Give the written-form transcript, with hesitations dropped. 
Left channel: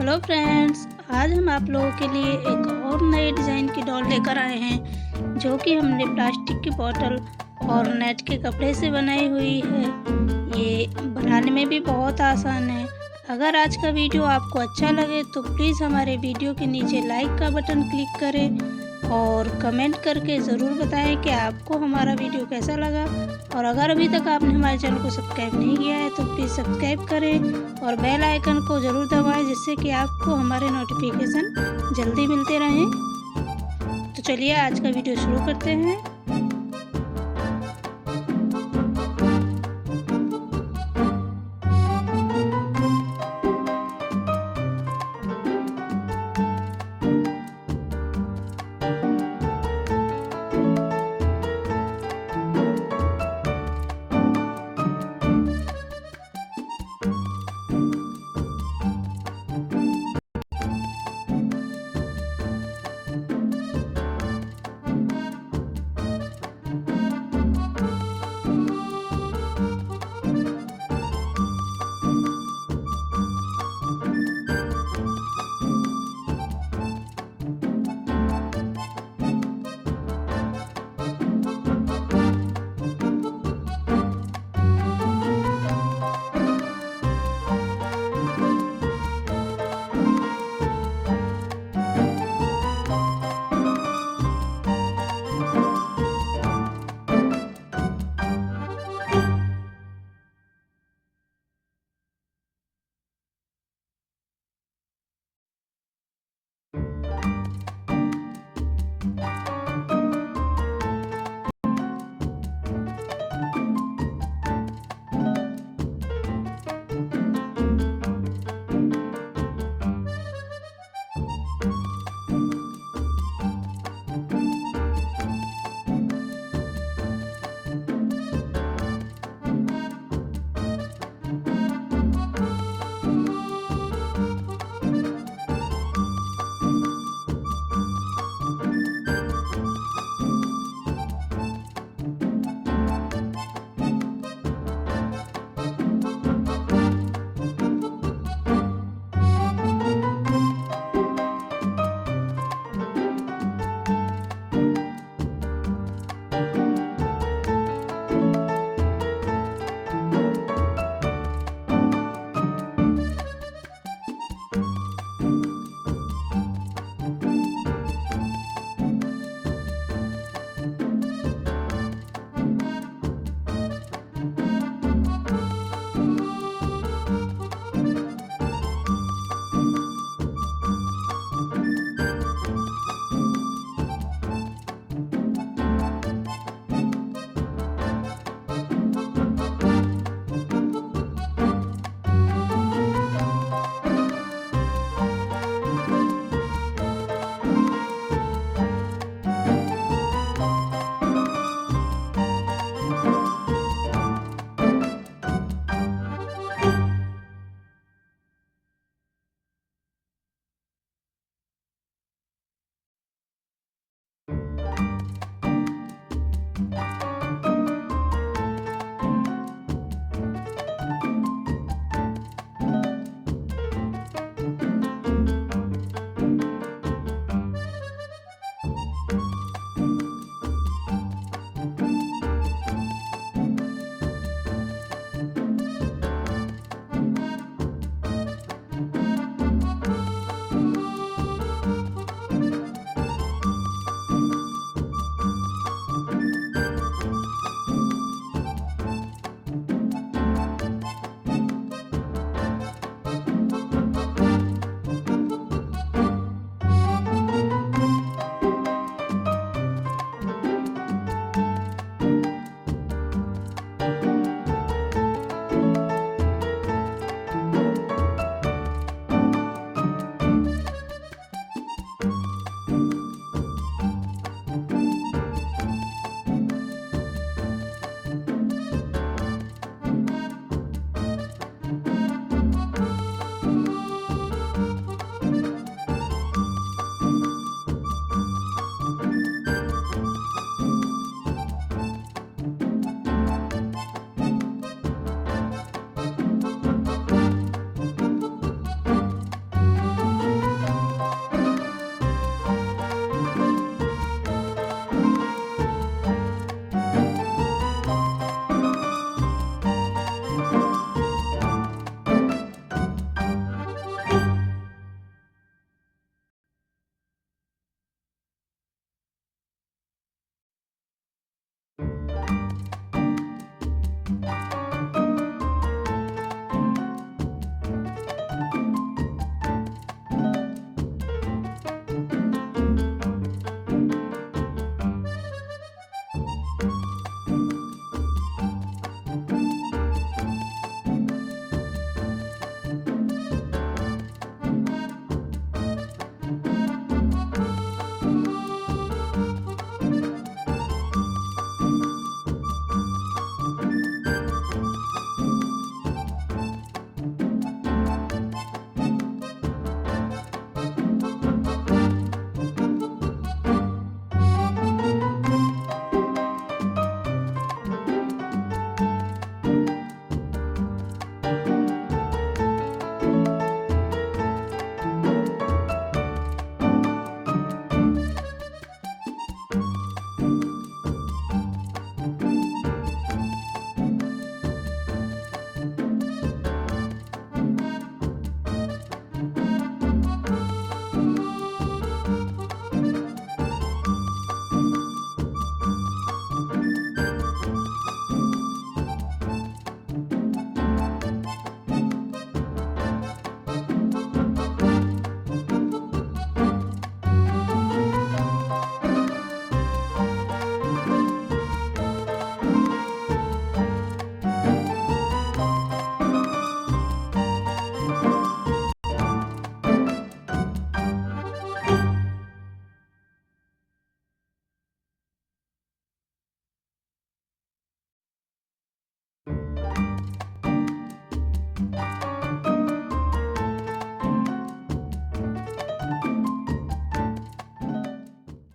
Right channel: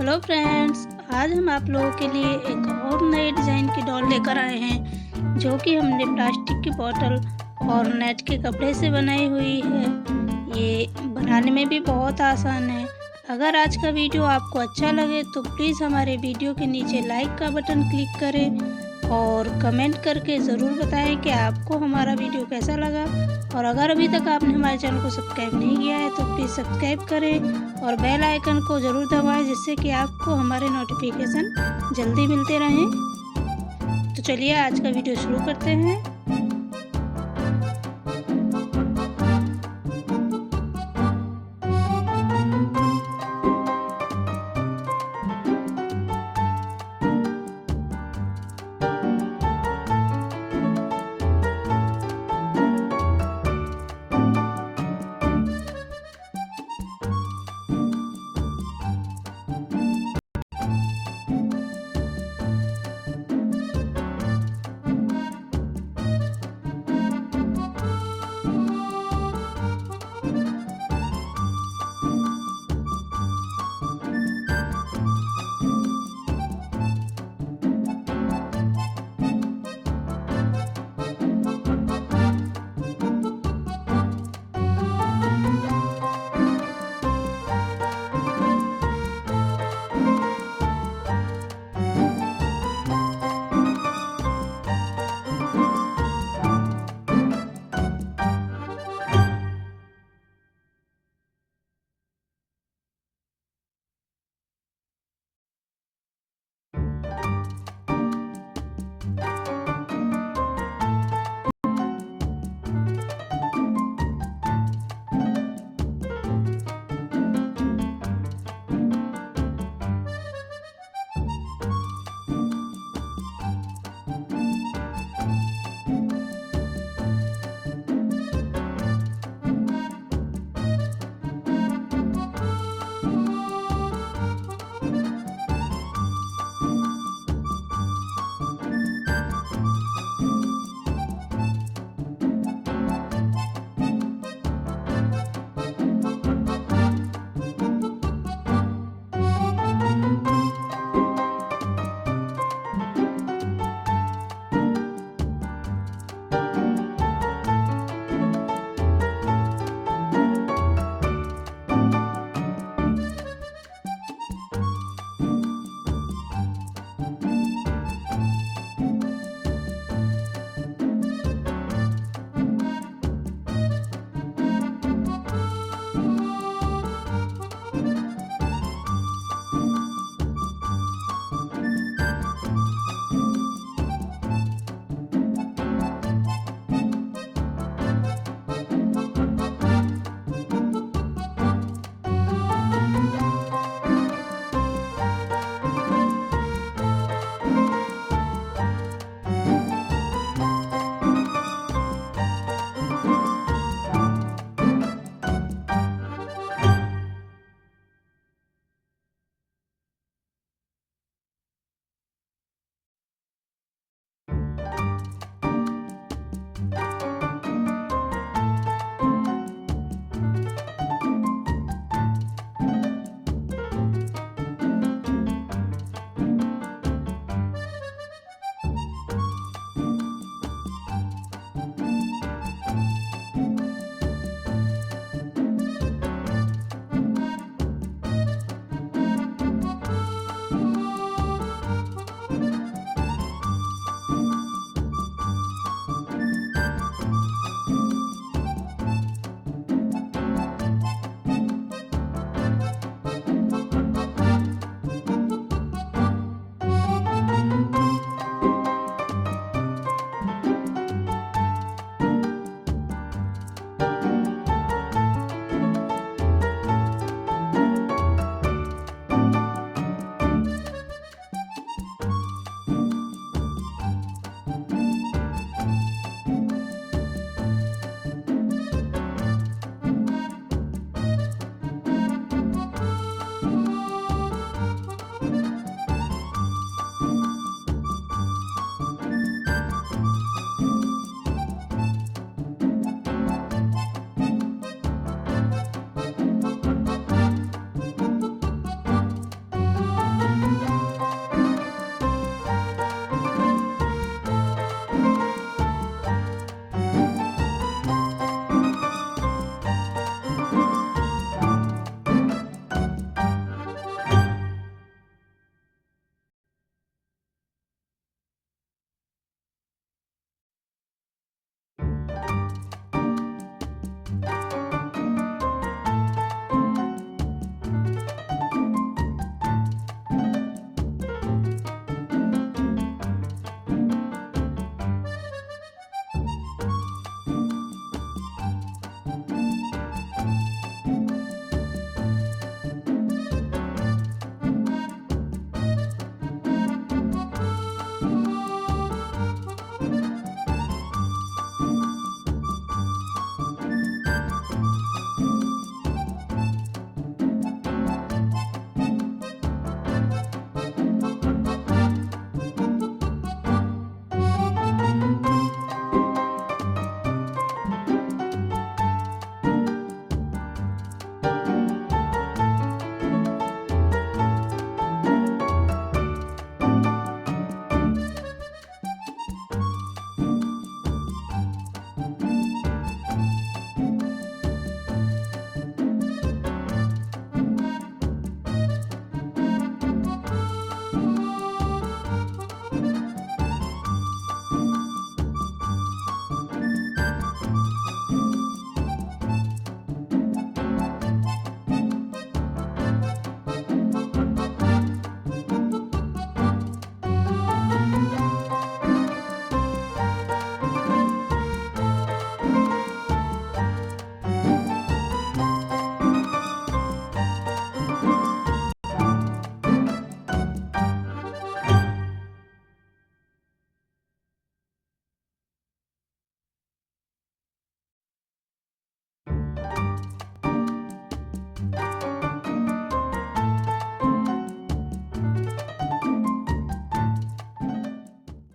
Hello friends, आज हम आप लोगों के लिए एक और नए डिज़ाइन की डॉल लेकर आए हैं जो कि हमने प्लास्टिक की बोतल और नेट के कपड़े से बनाई हुई है। ये बनाने में भी बहुत आसान है। अगर आज का वीडियो आपको अच्छा लगे तो प्लीज़ हमारे वीडियो के नीचे लाइक का बटन क्लिक करें और कमेंट करके ज़रूर बताएं कि आपको हमारा वीडियो कैसा लगा। और अगर अभी तक आपने हमारे चैनल को सब्सक्राइब नहीं किया है तो प्लीज़ सब्सक्राइब करें और बेल आइकन को ज़रूर दबाएं, जिससे कि आपको हमारे नोटिफिकेशन जल्दी मिलते रहें। तो चलिए आज का वीडियो शुरू करते हैं।